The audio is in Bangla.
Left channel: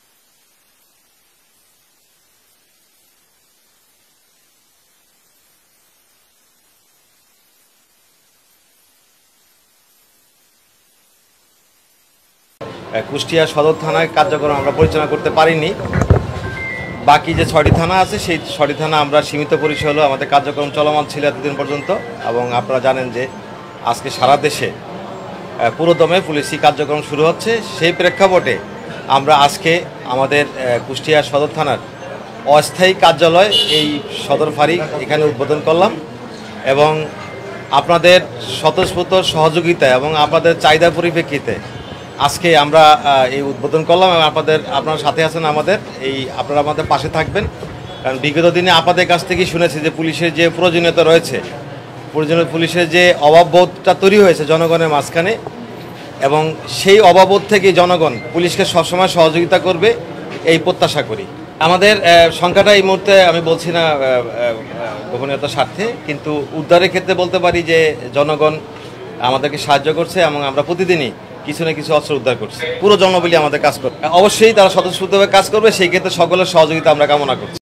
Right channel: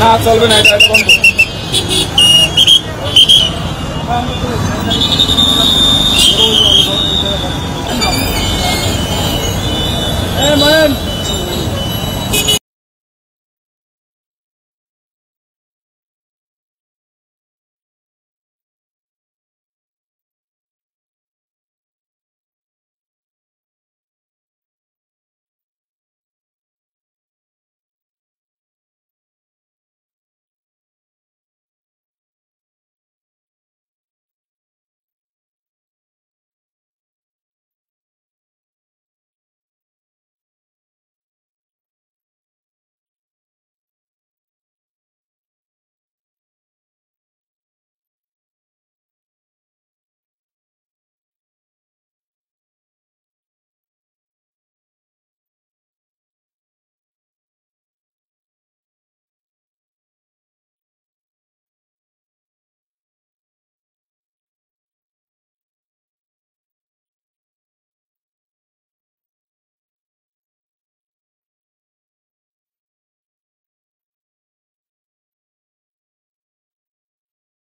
না চলবে না, এটা বন্ধ। কুষ্টিয়া সদর থানায় কার্যক্রম আমরা পরিচালনা করতে পারিনি। বাকি যে 6টি থানা আছে সেই 6টি থানা আমরা সীমিত পরিসরে আমাদের কার্যক্রম চলমান ছিল এতদিন পর্যন্ত। এবং আপনারা জানেন যে আজকে সারা দেশে পুরোদমে পুলিশি কার্যক্রম শুরু হচ্ছে। সেই প্রেক্ষাপটে আমরা আজকে আমাদের কুষ্টিয়া সদর থানার অস্থায়ী কার্যালয় এই সদর ফাঁড়ি এখানে উদ্বোধন করলাম এবং আপনাদের স্বতঃস্ফূর্ত সহযোগিতা এবং আপনাদের চাহিদার পরিপ্রেক্ষিতে আজকে আমরা এই উদ্বোধন করলাম এবং আপনারা সাথে আছেন আমাদের, আপনারা আমাদের পাশে থাকবেন। কারণ বিগত দিনে আপনাদের কাছ থেকেই শুনেছি যে পুলিশের যে প্রয়োজনীয়তা রয়েছে, পুলিশের যে অভাববোধটা তৈরি হয়েছে জনগণের মাঝখানে, এবং সেই অভাববোধ থেকে জনগণ পুলিশকে সবসময় সহযোগিতা করবে এই প্রত্যাশা করি। আমাদের সংখ্যাটা এই মুহূর্তে আমি বলছি না গোপনীয়তার স্বার্থে, কিন্তু উদ্ধারের ক্ষেত্রে বলতে পারি যে জনগণ আমাদেরকে সাহায্য করছে এবং আমরা প্রতিদিনই কিছু না কিছু অস্ত্র উদ্ধার করছি। পুরো জনবলি আমাদের কাজ করবে, অবশ্যই তারা স্বতঃস্ফূর্তভাবে কাজ করবে, সেই ক্ষেত্রে সকলের সহযোগিতা আমরা কামনা করছি।